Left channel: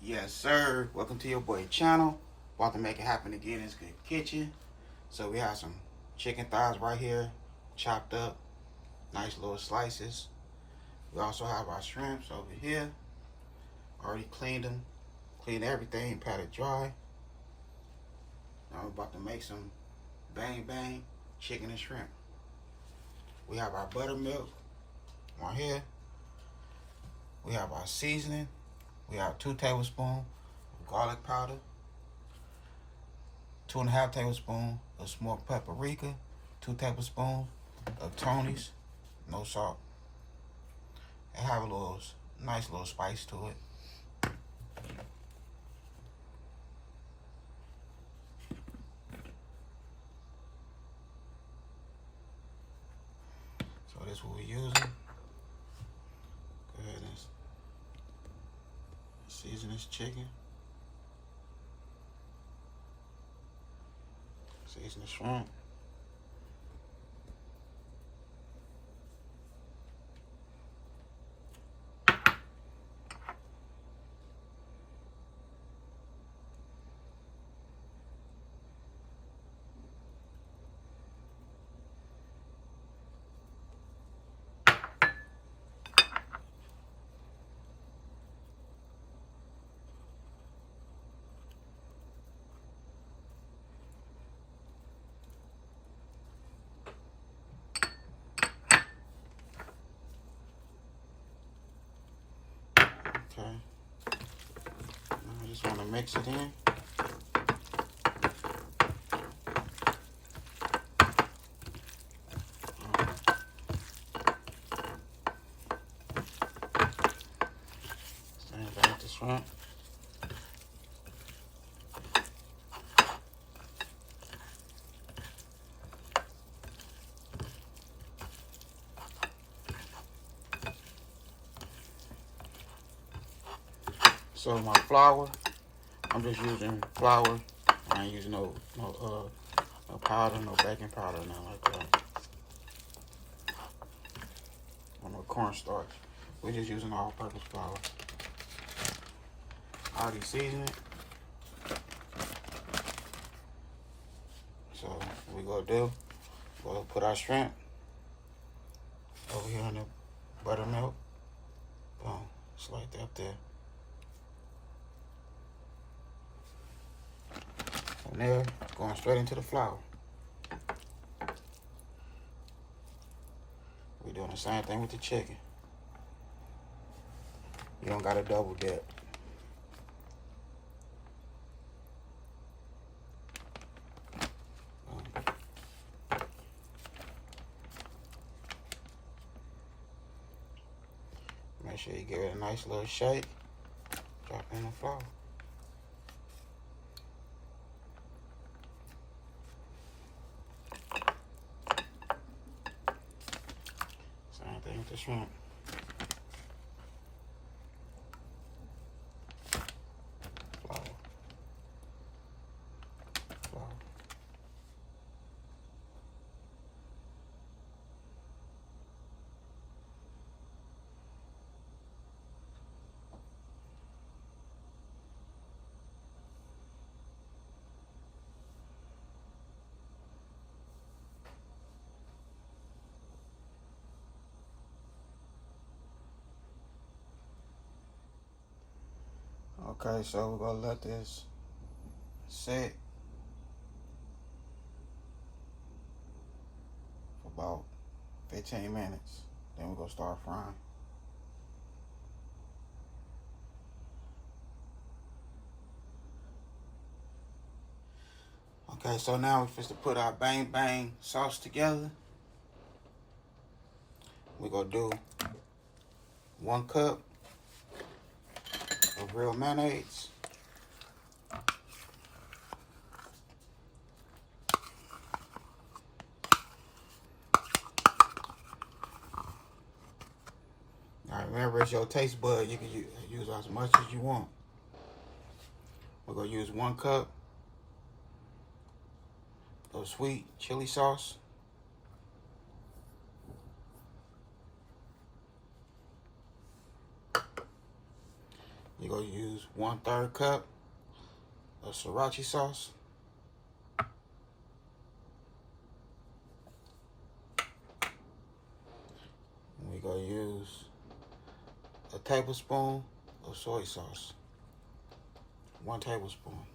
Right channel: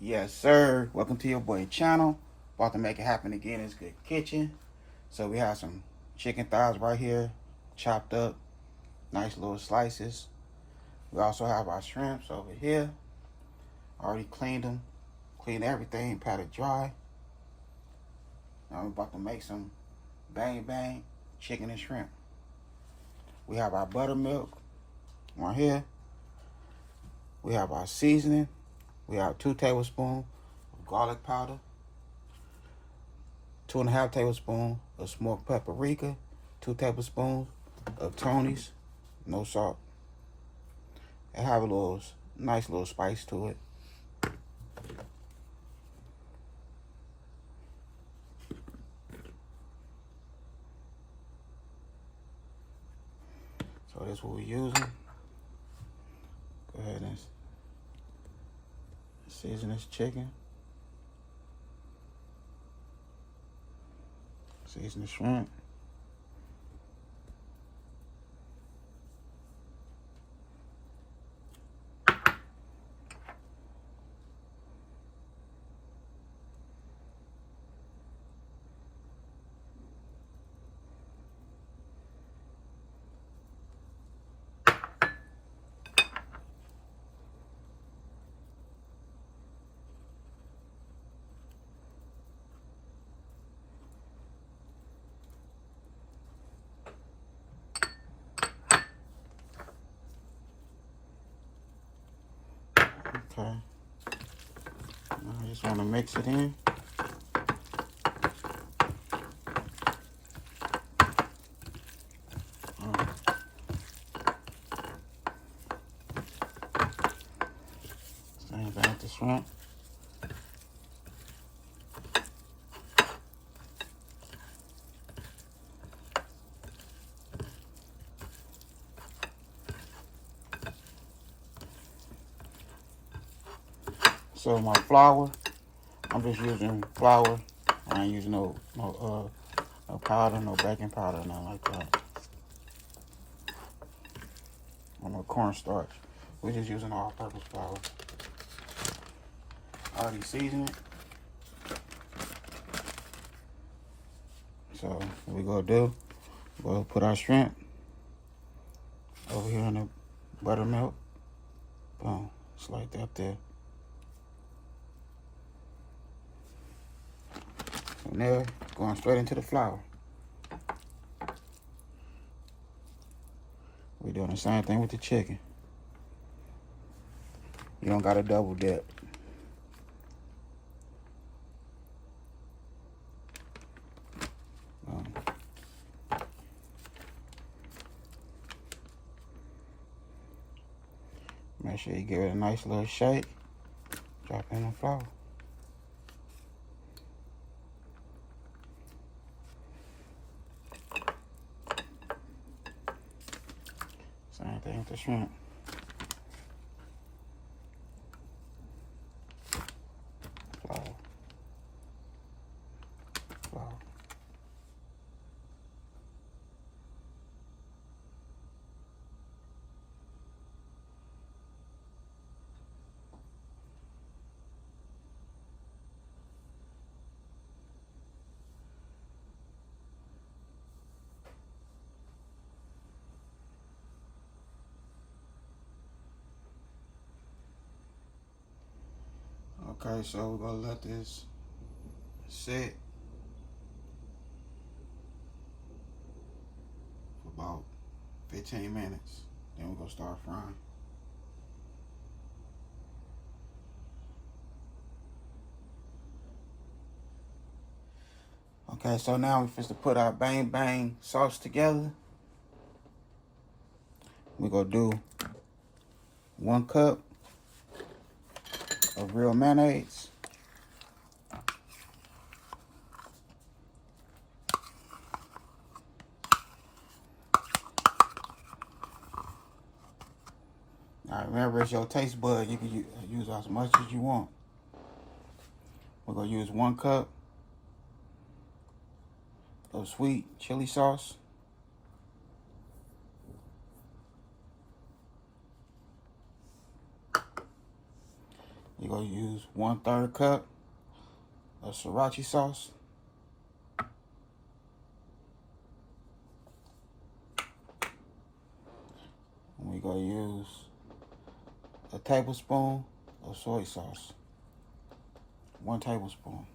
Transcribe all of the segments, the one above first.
Yes, sir. Welcome to your boy channel. About to make it happen again. It's Good Kitchen. So we have some chicken thighs right here, chopped up, nice little slices. We also have our shrimps over here. Already cleaned them, cleaned everything, patted dry. Now we're about to make some bang bang chicken and shrimp. We have our buttermilk right here. We have our seasoning. We have 2 tablespoons of garlic powder, 2.5 tablespoons of smoked paprika, 2 tablespoons of Tony's, no salt. It have a little nice little spice to it. So that's what we're using. Go ahead and season this chicken. Season the shrimp. Okay. I just want to mix it in. Same thing with the shrimp. So my flour, I'm just using flour. I ain't using no powder, no baking powder, nothing like that. Or no cornstarch. We're just using all-purpose flour. Already seasoned it. So what we gonna do? We'll put our shrimp over here in the buttermilk. Boom, just like that there. From there, going straight into the flour. We're doing the same thing with the chicken. You don't gotta double dip. Make sure you give it a nice little shake. Drop in the flour. Same thing with the shrimp. Flour. Flour. Okay, so we're gonna let this sit for about 15 minutes. Then we're gonna start frying. Okay, so now we're supposed to put our bang bang sauce together. We're gonna do 1 cup of real mayonnaise. Now remember, it's your taste bud. You can use as much as you want. We're gonna use 1 cup of sweet chili sauce. You're going to use 1/3 cup of sriracha sauce. We're going to use a tablespoon of soy sauce. 1 tablespoon.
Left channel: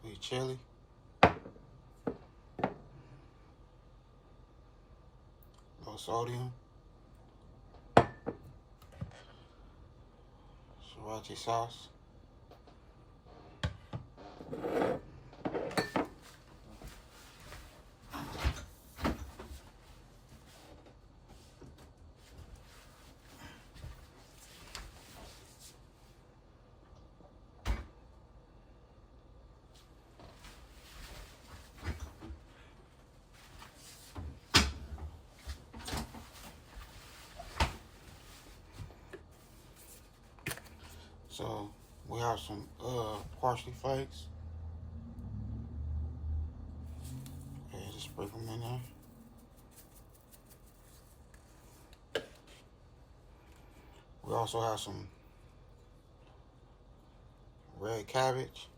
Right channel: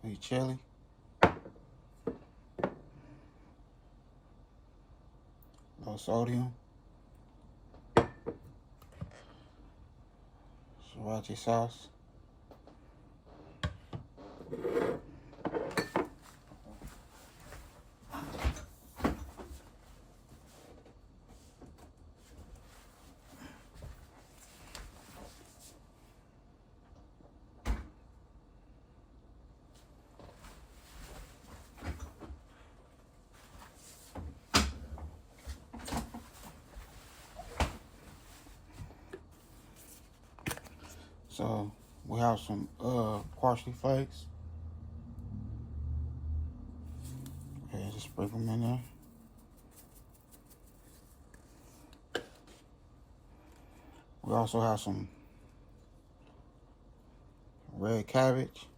Sweet chili. Low sodium. Sriracha sauce. So we have some parsley flakes. Okay, just sprinkle them in there. We also have some red cabbage.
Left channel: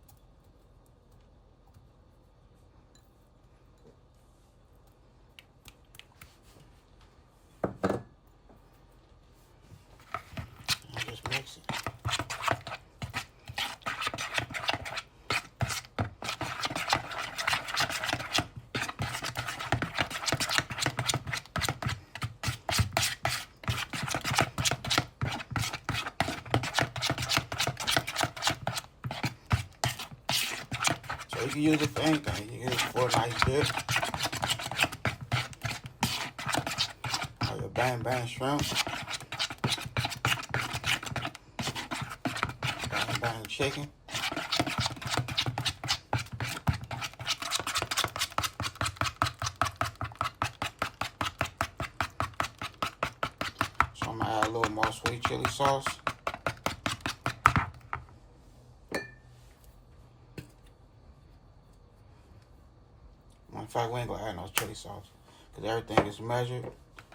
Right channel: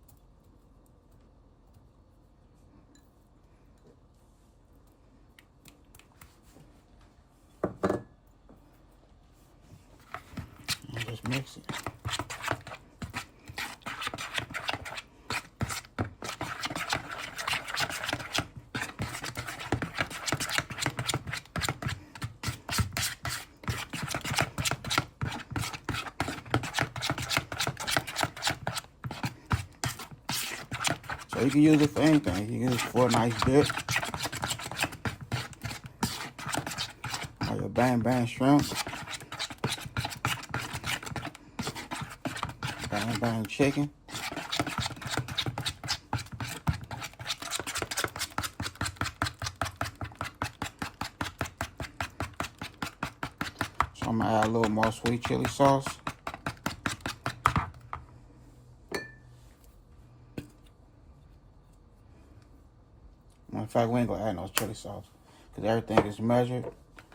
And just mix it. So you can use it for anything. You can use it for a nice dip. Or your bang bang shrimp. Bang bang chicken. So I'm gonna add a little more sweet chili sauce. In fact, we ain't gonna add no chili sauce because everything is measured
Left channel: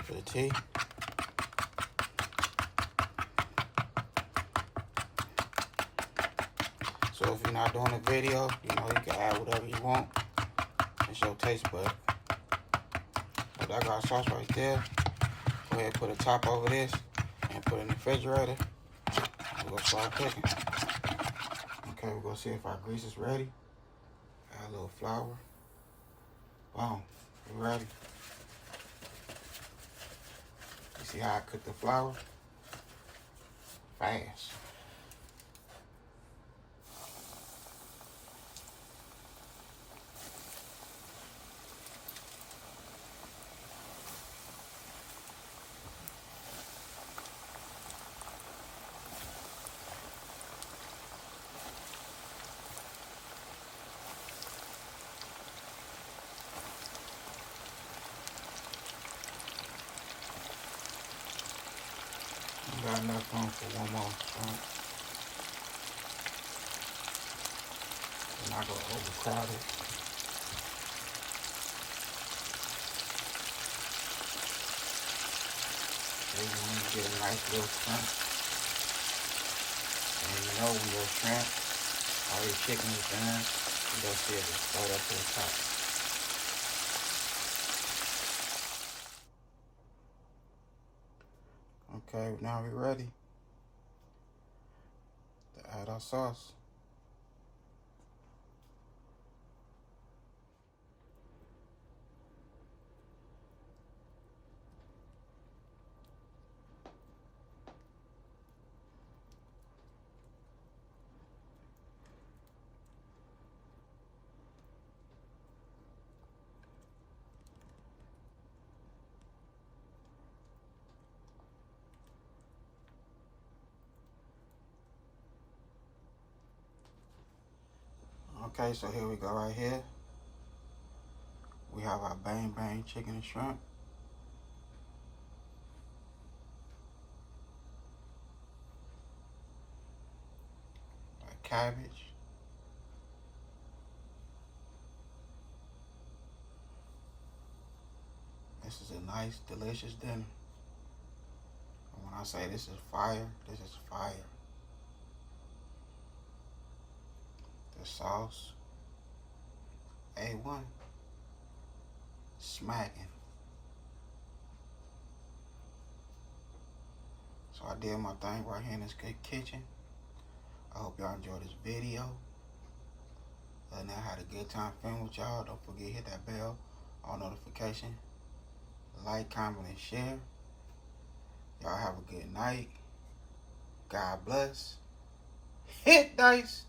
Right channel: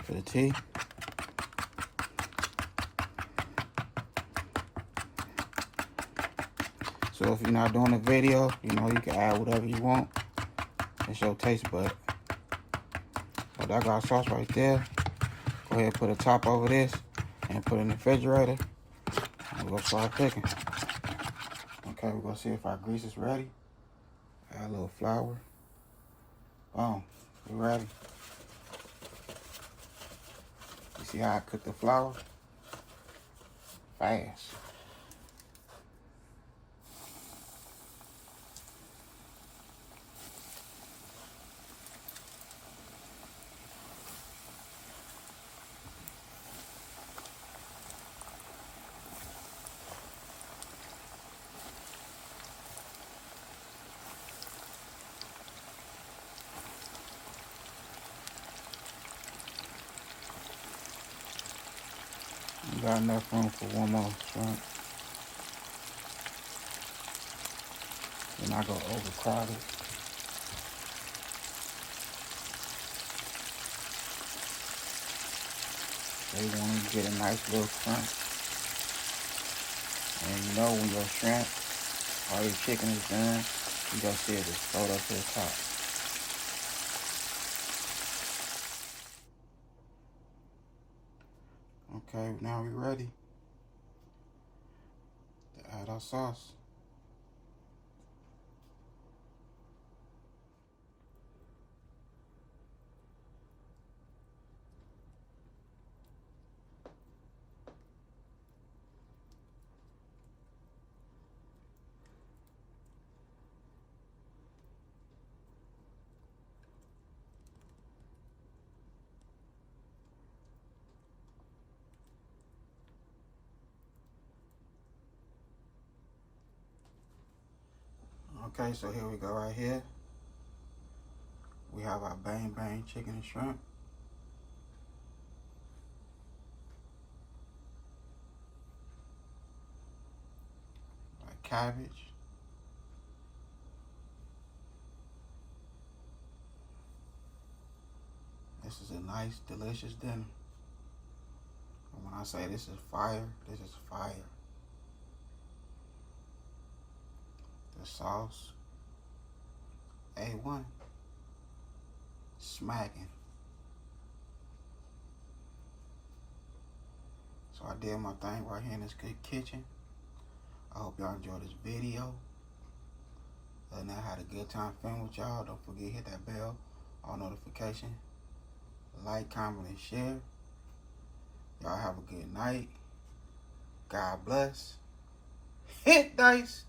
to the T. So if you're not doing a video, you know, you can add whatever you want. It's your taste bud. But I got sauce right there. Go ahead and put a top over this and put it in the refrigerator. And we'll start cooking. Okay, we're gonna see if our grease is ready. Add a little flour. Boom, we're ready. You see how I cook the flour? Fast. You got enough room for one more shrimp. You're not gonna overcrowd it. So you're gonna get a nice little shrimp. And you know when your shrimp or your chicken is done, you just see it just throw that to the top. Okay, now we're ready to add our sauce. Okay, so here we go right here. We have our bang bang chicken and shrimp. Our cabbage. This is a nice, delicious dinner. I say this is fire. This is fire. The sauce, A1, smacking. So I did my thing right here in this good kitchen. I hope y'all enjoyed this video. And I had a good time filming with y'all. Don't forget hit that bell, all notification, like, comment, and share. Y'all have a good night. God bless. Hit dice.